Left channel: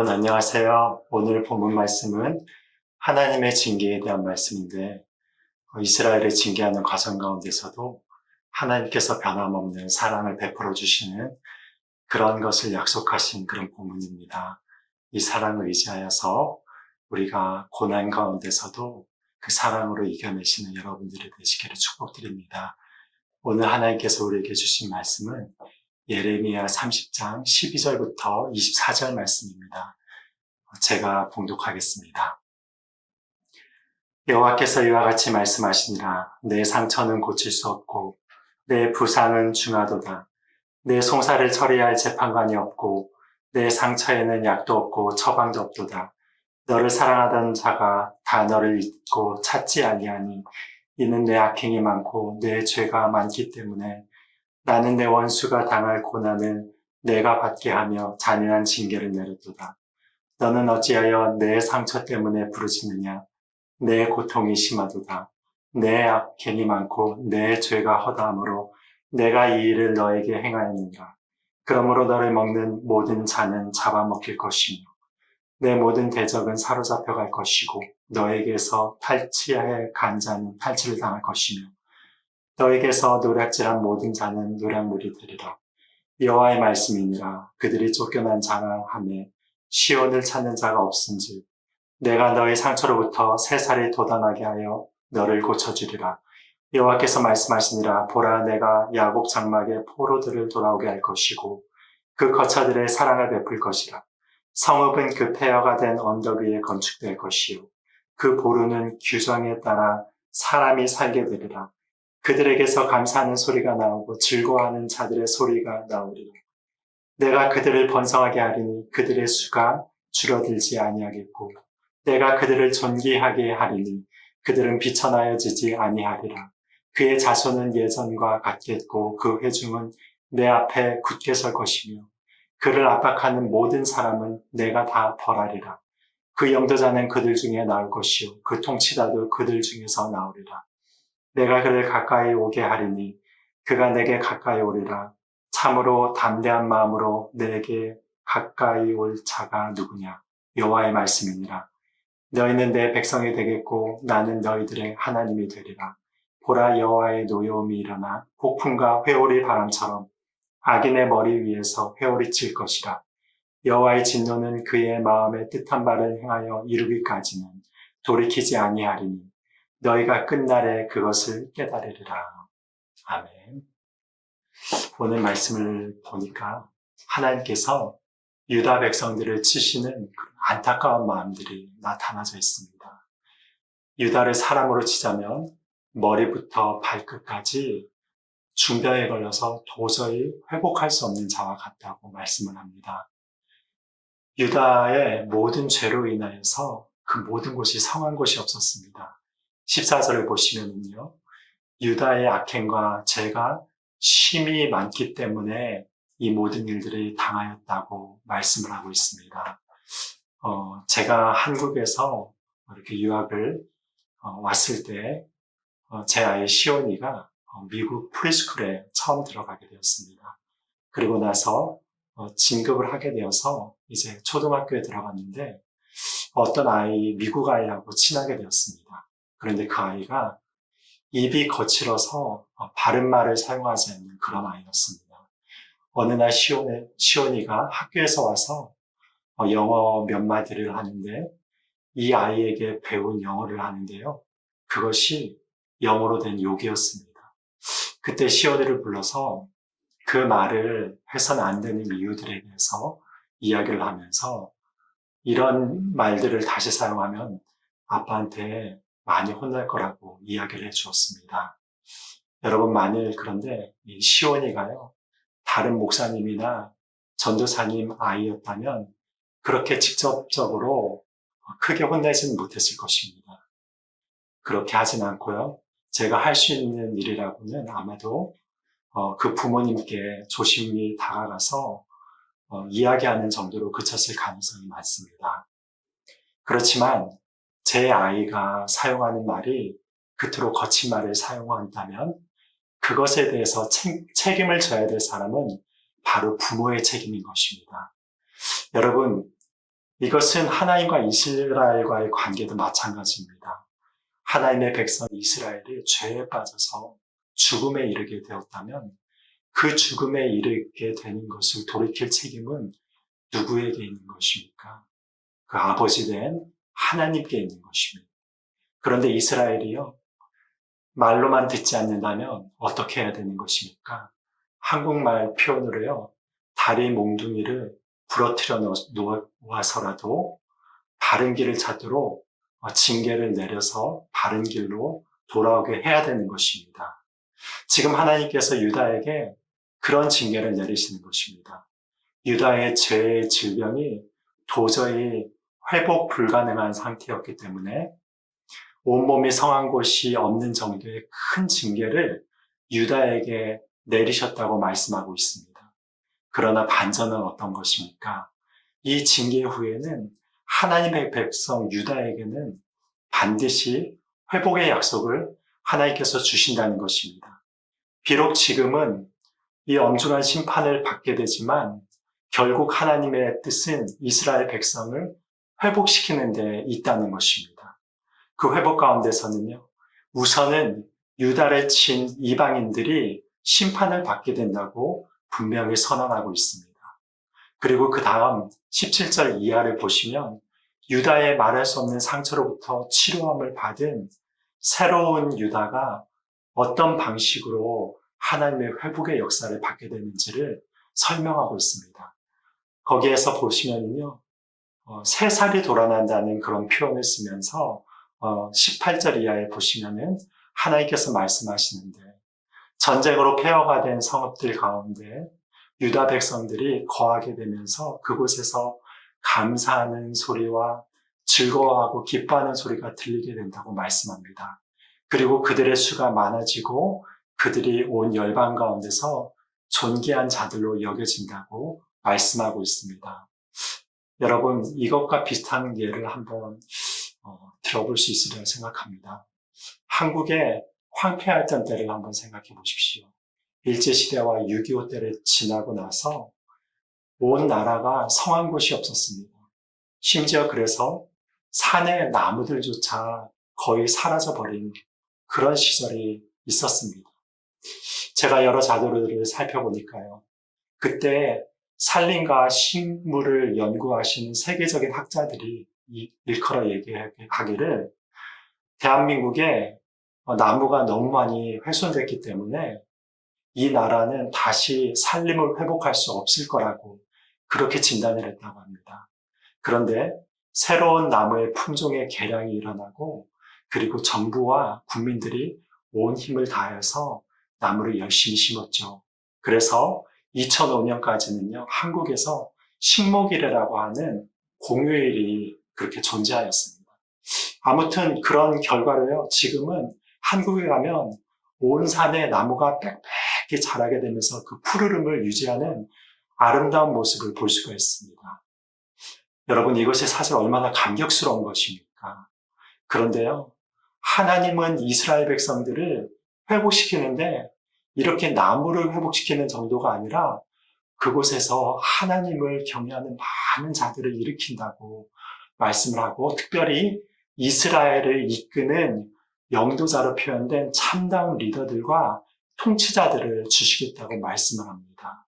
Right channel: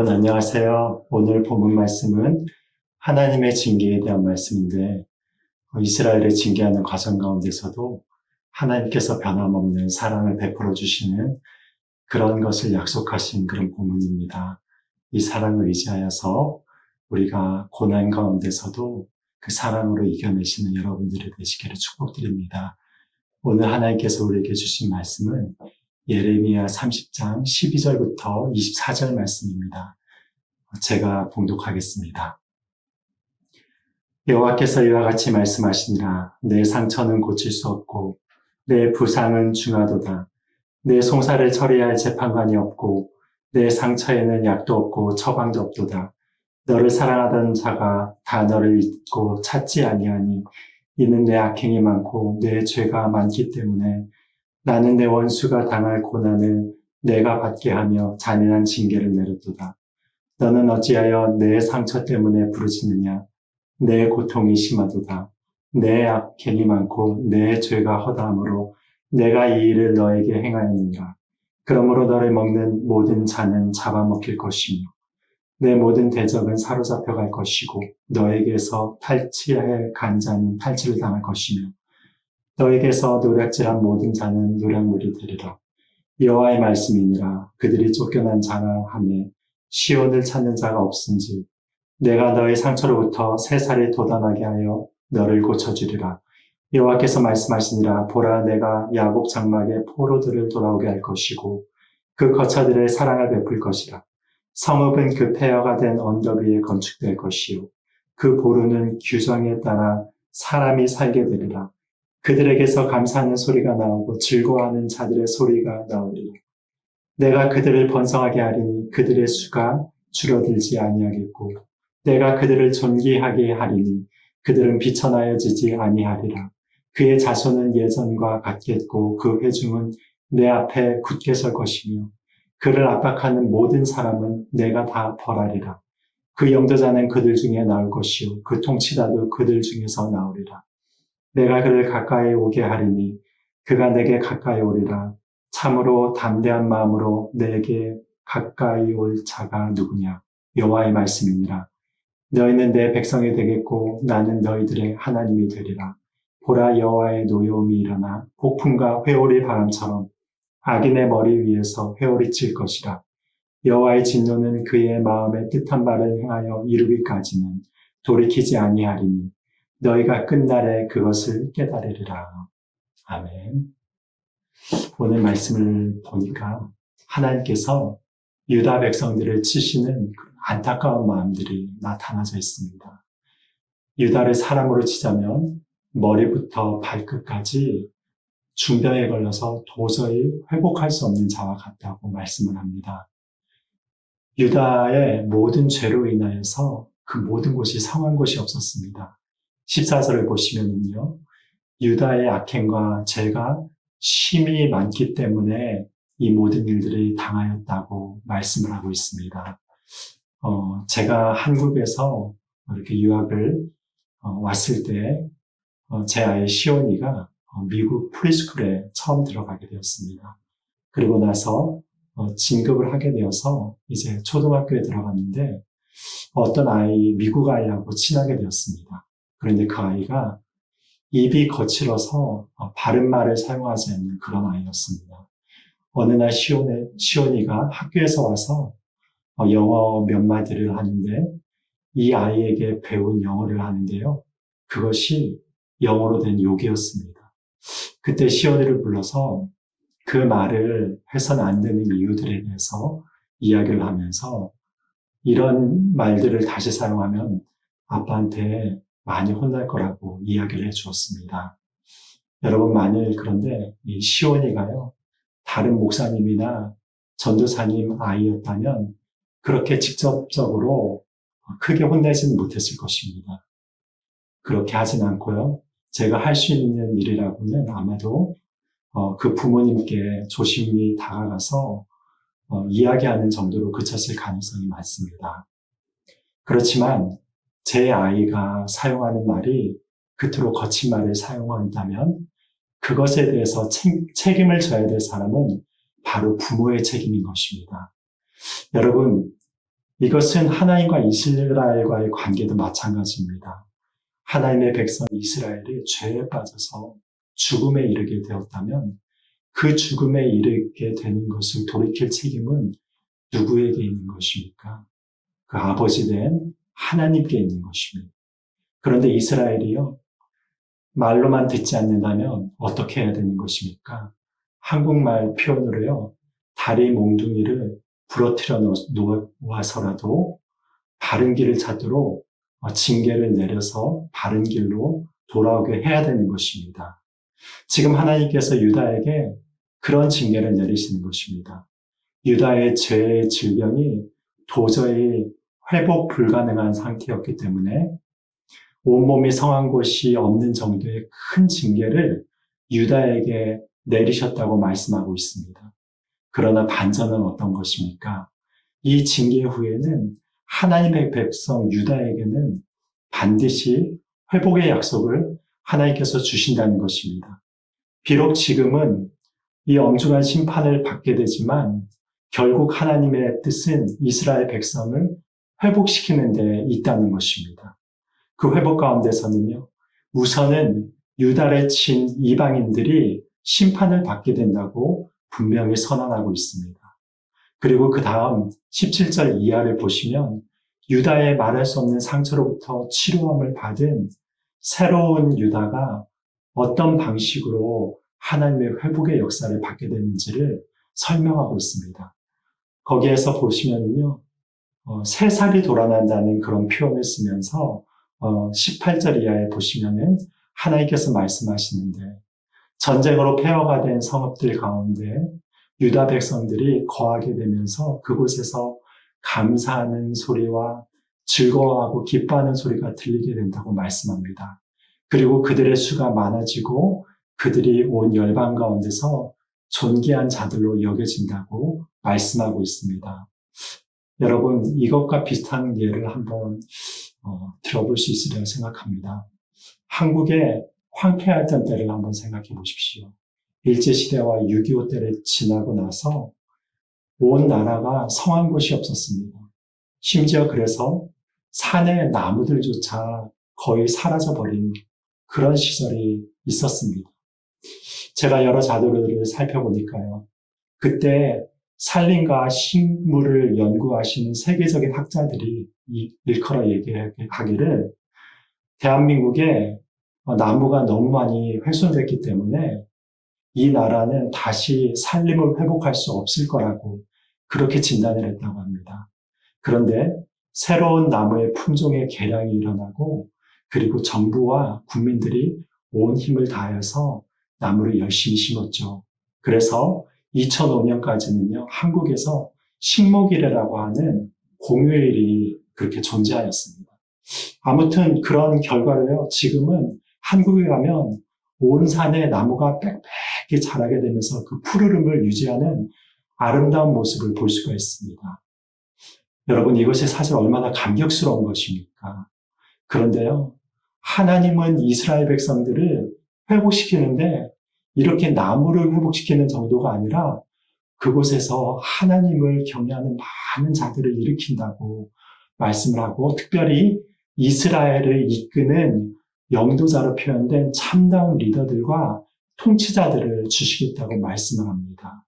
여러분 안녕하세요. 오늘 본문 말씀은 하나님의 징계에 대한 말씀인데 어, 이스라엘을 징계하는 과정 가운데서도 하나님께서 변함없는 사랑을 베풀어 주시는 그런 것을 약속하신 그런 본문입니다. 이 사랑을 의지하여서 우리가 고난 가운데서도 그 사랑으로 이겨내시는 여러분들이 되시기를 축복드립니다. 오늘 하나님께서 우리에게 주신 말씀은 예레미야 30장 12절부터 24절 말씀입니다. 제가 봉독하겠습니다. 여호와께서 이와 같이 말씀하시니라 내 상처는 고칠 수 없고 내 부상은 중하도다 내 송사를 처리할 재판관이 없고 내 상처에는 약도 없고 처방도 없도다 너를 사랑하던 자가 다 너를 잊고 찾지 아니하니 이는 내 악행이 많고 내 죄가 많기 때문에 나는 내 원수가 당할 고난을 내가 받게 하며 잔인한 징계를 내렸도다. 너는 어찌하여 내 상처 때문에 부르짖느냐? 내 고통이 심하도다. 내 악행이 많고 내 죄가 허다함으로 내가 이 일을 너에게 행하였느니라. 그러므로 너를 먹는 모든 자는 잡아먹힐 것이며 내 모든 대적은 사로잡혀 갈 것이고 너에게서 탈취할 간자는 탈취를 당할 것이며 너에게서 노략질한 모든 자는 노략물이 되리라. 여호와의 말씀이니라. 그들이 쫓겨난 하매 시온을 찾는 자가 없은지 내가 너의 상처로부터 새 살이 돋아나게 하여 너를 고쳐주리라. 여호와께서 말씀하시니라. 보라 내가 야곱 장막의 포로들을 돌아오게 할 것이고 그 거처들의 사랑을 베풀 것이라. 성읍은 그 폐허가 된 언덕 위에 건축될 것이요. 그 보루는 규정에 따라 사람이 살게 되리라. 그들에게서 감사하는 소리가 나오고 즐거워하는 자들의 소리가 나오리라. 내가 그들을 번성하게 하리니 그들의 수가 줄어들지 아니하겠고 내가 그들을 존귀하게 하리니 그들은 비천하여지지 아니하리라. 그의 자손은 예전과 같겠고 그 회중은 내 앞에 굳게 설 것이며 그를 압박하는 모든 사람은 내가 다 벌하리라. 그 영도자는 그들 중에 나올 것이요 그 통치자도 그들 중에서 나오리라. 내가 그를 가까이 오게 하리니 그가 내게 가까이 오리라. 참으로 담대한 마음으로 내게 가까이 올 자가 누구냐? 여호와의 말씀이니라. 너희는 내 백성이 되겠고 나는 너희들의 하나님이 되리라. 보라 여호와의 노여움이 일어나 폭풍과 회오리 바람처럼 악인의 머리 위에서 회오리 칠 것이라. 여호와의 진노는 그의 마음에 뜻한 바를 행하여 이루기까지는 돌이키지 아니하리니 너희가 끝날에 그것을 깨달으리라. 아멘. 오늘 말씀을 보니까 하나님께서 유다 백성들을 치시는 안타까운 마음들이 나타나져 있습니다. 유다를 사람으로 치자면 머리부터 발끝까지 중병에 걸려서 도저히 회복할 수 없는 자와 같다고 말씀을 합니다. 유다의 모든 죄로 인하여서 그 모든 곳이 성한 곳이 없었습니다. 14절을 보시면요. 유다의 악행과 죄가 심히 많기 때문에 이 모든 일들이 당하였다고 말씀을 하고 있습니다. 어, 제가 한국에서 이렇게 유학을 어, 왔을 때, 어, 제 아이 시온이가 어, 미국 프리스쿨에 처음 들어가게 되었습니다. 그리고 나서 어, 진급을 하게 되어서 이제 초등학교에 들어갔는데 어떤 아이, 미국 아이하고 친하게 되었습니다. 그런데 그 아이가 입이 거칠어서 어, 바른 말을 사용하지 않는 그런 아이였습니다. 어느 날 시온에, 시온이가 학교에서 와서 어, 영어 몇 마디를 하는데 이 아이에게 배운 영어를 하는데요. 그것이 영어로 된 욕이었습니다. 그때 시온이를 불러서 그 말을 해서는 안 되는 이유들에 대해서 이야기를 하면서 이런 말들을 다시 사용하면 아빠한테 많이 혼날 거라고 이야기를 해 주었습니다. 여러분, 만일 그런데 이 시온이가요, 다른 목사님이나 전도사님 아이였다면 그렇게 직접적으로 크게 혼내지는 못했을 것입니다. 그렇게 하진 않고요. 제가 할 수 있는 일이라고는 아마도 어, 그 부모님께 조심히 다가가서 어, 이야기하는 정도로 그쳤을 가능성이 많습니다. 그렇지만 제 아이가 사용하는 말이 그토록 거친 말을 사용한다면 그것에 대해서 책, 책임을 져야 될 사람은 바로 부모의 책임인 것입니다. 여러분, 이것은 하나님과 이스라엘과의 관계도 마찬가지입니다. 하나님의 백성 이스라엘이 죄에 빠져서 죽음에 이르게 되었다면 그 죽음에 이르게 되는 것을 돌이킬 책임은 누구에게 있는 것입니까? 그 아버지 된 하나님께 있는 것입니다. 그런데 이스라엘이요, 말로만 듣지 않는다면 어떻게 해야 되는 것입니까? 한국말 표현으로요, 다리 몽둥이를 부러뜨려 놓아서라도 바른 길을 찾도록 어, 징계를 내려서 바른 길로 돌아오게 해야 되는 것입니다. 지금 하나님께서 유다에게 그런 징계를 내리시는 것입니다. 유다의 죄의 질병이 도저히 회복 불가능한 상태였기 때문에 온몸이 성한 곳이 없는 정도의 큰 징계를 유다에게 내리셨다고 말씀하고 있습니다. 그러나 반전은 어떤 것입니까? 이 징계 후에는 하나님의 백성 유다에게는 반드시 회복의 약속을 하나님께서 주신다는 것입니다. 비록 지금은 이 엄중한 심판을 받게 되지만 결국 하나님의 뜻은 이스라엘 백성을 회복시키는 데 있다는 것입니다. 그 회복 가운데서는요, 우선은 유다를 친 이방인들이 심판을 받게 된다고 분명히 선언하고 있습니다. 그리고 그 다음 17절 이하를 보시면 유다의 말할 수 없는 상처로부터 치료함을 받은 새로운 유다가 어떤 방식으로 하나님의 회복의 역사를 받게 되는지를 설명하고 있습니다. 거기에서 보시면요, 어, 새 살이 돌아난다는 그런 표현을 쓰면서 어, 18절 이하에 보시면은 하나님께서 말씀하시는데 전쟁으로 폐허가 된 성읍들 가운데 유다 백성들이 거하게 되면서 그곳에서 감사하는 소리와 즐거워하고 기뻐하는 소리가 들리게 된다고 말씀합니다. 그리고 그들의 수가 많아지고 그들이 온 열방 가운데서 존귀한 자들로 여겨진다고 말씀하고 있습니다. 여러분, 이것과 비슷한 예를 한번 어, 들어볼 수 있으리라 생각합니다. 한국의 황폐했던 때를 한번 생각해 보십시오. 일제시대와 6.25 때를 지나고 나서 온 나라가 성한 곳이 없었습니다. 심지어 그래서 산의 나무들조차 거의 사라져 버린 그런 시절이 있었습니다. 제가 여러 자료를 살펴보니까요. 그때 산림과 식물을 연구하시는 세계적인 학자들이 일컬어 얘기하기를 대한민국에 나무가 너무 많이 훼손됐기 때문에 이 나라는 다시 살림을 회복할 수 없을 거라고 그렇게 진단을 했다고 합니다. 그런데 새로운 나무의 품종의 개량이 일어나고 그리고 정부와 국민들이 온 힘을 다해서 나무를 열심히 심었죠. 그래서 2005년까지는요, 한국에서 식목일이라고 하는 공휴일이 그렇게 존재하였습니다. 아무튼 그런 결과로요, 지금은 한국에 가면 온 산에 나무가 빽빽히 자라게 되면서 그 푸르름을 유지하는 아름다운 모습을 볼 수가 있습니다. 여러분, 이것이 사실 얼마나 감격스러운 것입니까? 그런데요, 하나님은 이스라엘 백성들을 회복시키는데 이렇게 나무를 회복시키는 정도가 아니라 그곳에서 하나님을 경외하는 많은 자들을 일으킨다고 말씀을 하고 특별히 이스라엘을 이끄는 영도자로 표현된 참다운 리더들과 통치자들을 주시겠다고 말씀을 합니다.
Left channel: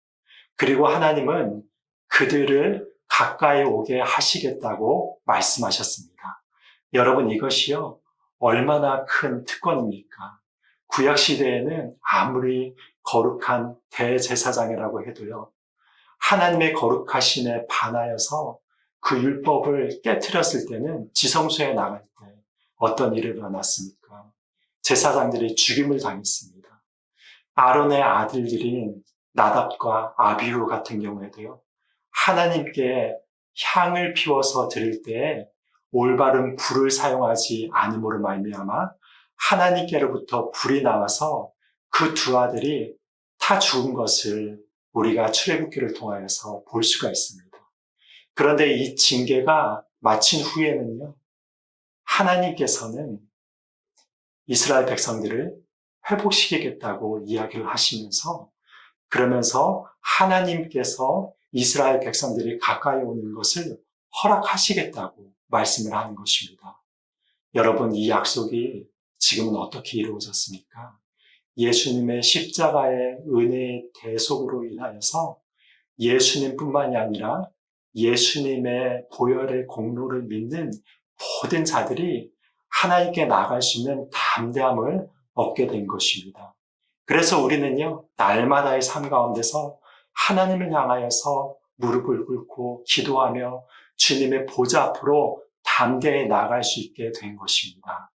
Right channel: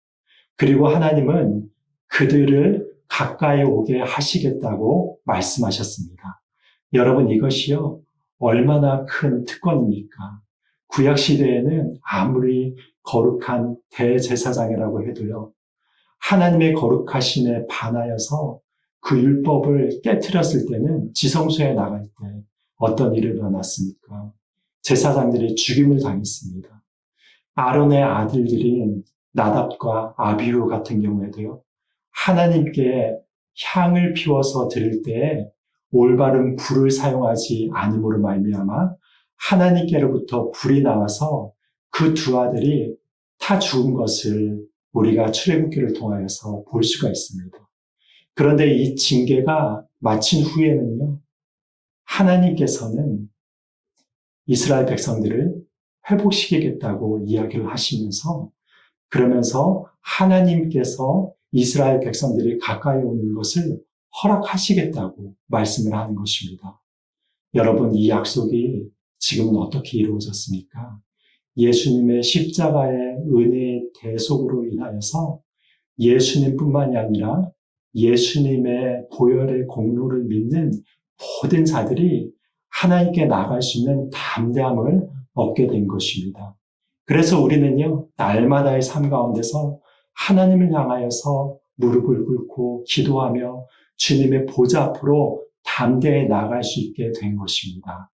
그리고 하나님은 그들을 가까이 오게 하시겠다고 말씀하셨습니다. 여러분 이것이요 얼마나 큰 특권입니까? 구약 시대에는 아무리 거룩한 대제사장이라고 해도요 하나님의 거룩하신에 반하여서 그 율법을 깨뜨렸을 때는 지성소에 나갈 때 어떤 일이 일어났습니까? 제사장들이 죽임을 당했습니다. 아론의 아들들인 나답과 아비후 같은 경우에도요. 하나님께 향을 피워서 드릴 때 올바른 불을 사용하지 않음으로 말미암아 하나님께로부터 불이 나와서 그 두 아들이 타 죽은 것을 우리가 출애굽기를 통하여서 볼 수가 있습니다. 그런데 이 징계가 마친 후에는요. 하나님께서는 이스라엘 백성들을 회복시키겠다고 이야기를 하시면서 그러면서 하나님께서 이스라엘 백성들이 가까이 오는 것을 허락하시겠다고 말씀을 하는 것입니다. 여러분, 이 약속이 지금은 어떻게 이루어졌습니까? 예수님의 십자가의 은혜의 대속으로 인하여서 예수님뿐만이 아니라 예수님의 보혈의 공로를 믿는 모든 자들이 하나님께 나갈 수 있는 담대함을 얻게 된 것입니다. 그래서 우리는요, 날마다의 삶 가운데서 하나님을 향하여서 무릎을 꿇고 기도하며 주님의 보좌 앞으로 담대히 나갈 수 있게 된 것입니다.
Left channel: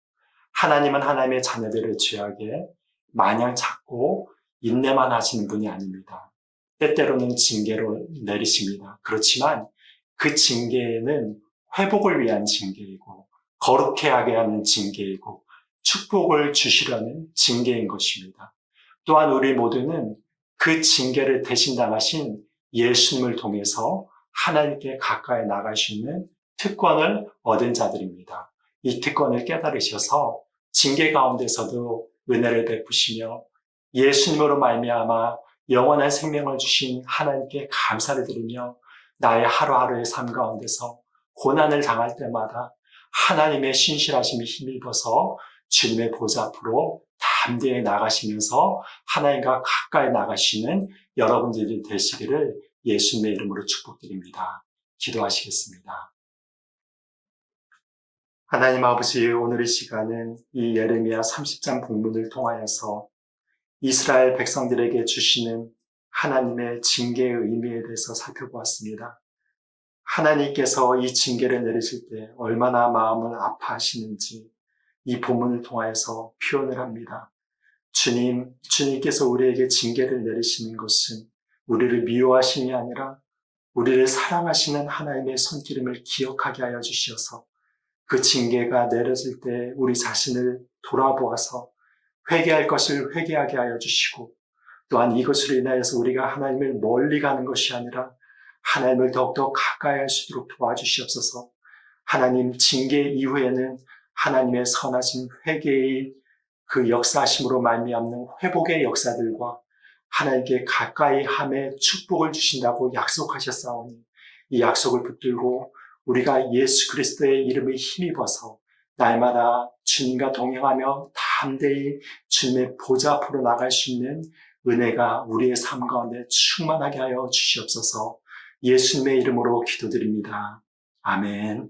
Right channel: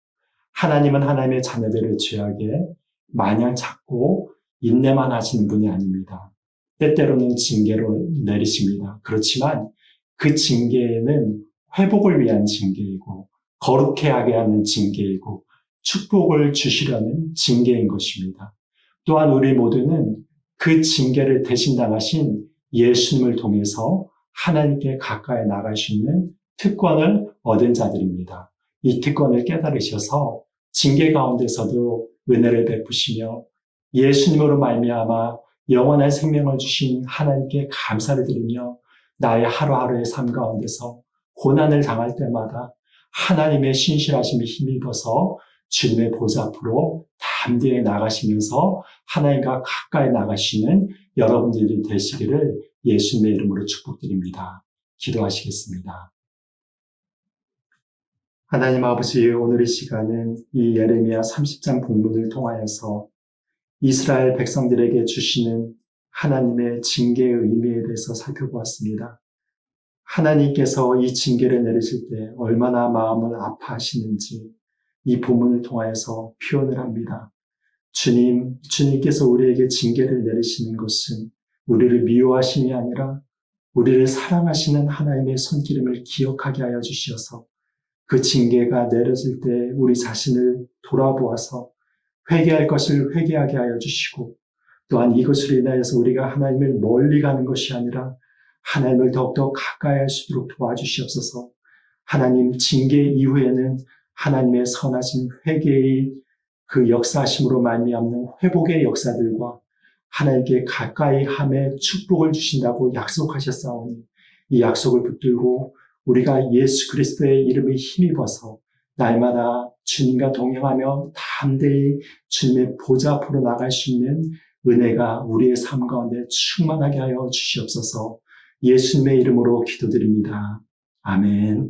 하나님은 하나님의 자녀들을 죄악에 마냥 찾고 인내만 하시는 분이 아닙니다. 때때로는 징계로 내리십니다. 그렇지만 그 징계에는 회복을 위한 징계이고 거룩해 하게 하는 징계이고 축복을 주시려는 징계인 것입니다. 또한 우리 모두는 그 징계를 대신 당하신 예수님을 통해서 하나님께 가까이 나갈 수 있는 특권을 얻은 자들입니다. 이 특권을 깨달으셔서 징계 가운데서도 은혜를 베푸시며 예수님으로 말미암아 영원한 생명을 주신 하나님께 감사를 드리며 나의 하루하루의 삶 가운데서 고난을 당할 때마다 하나님의 신실하심이 힘입어서 주님의 보좌 앞으로 담대히 나가시면서 하나님과 가까이 나가시는 여러분들이 되시기를 예수님의 이름으로 축복드립니다. 기도하시겠습니다. 하나님 아버지 오늘 이 시간은 이 예레미야 30장 본문을 통하여서 이스라엘 백성들에게 주시는 하나님의 징계의 의미에 대해서 살펴보았습니다. 하나님께서 이 징계를 내리실 때 얼마나 마음을 아파하시는지 이 본문을 통하여서 표현을 합니다. 주님, 주님께서 우리에게 징계를 내리시는 것은 우리를 미워하심이 아니라 우리를 사랑하시는 하나님의 손기름을 기억하게 하여 주시어서 그 징계가 내려질 때 우리 자신을 돌아보아서 회개할 것을 회개하게 하여 주시고 또한 이것으로 인하여서 우리가 하나님을 멀리 가는 것이 아니라 하나님을 더욱더 가까이 할 수 있도록 도와주시옵소서. 하나님 징계 이후에는 하나님의 선하신 회개의 그 역사하심으로 말미암는 회복의 역사들과 하나님께 가까이 함에 축복을 주신다고 약속하셨사오니 이 약속을 붙들고 우리가 예수 그리스도의 이름에 힘입어서 날마다 주님과 동행하며 담대히 주님의 보좌 앞으로 나갈 수 있는 은혜가 우리의 삶 가운데 충만하게 하여 주시옵소서 예수님의 이름으로 기도드립니다. 아멘.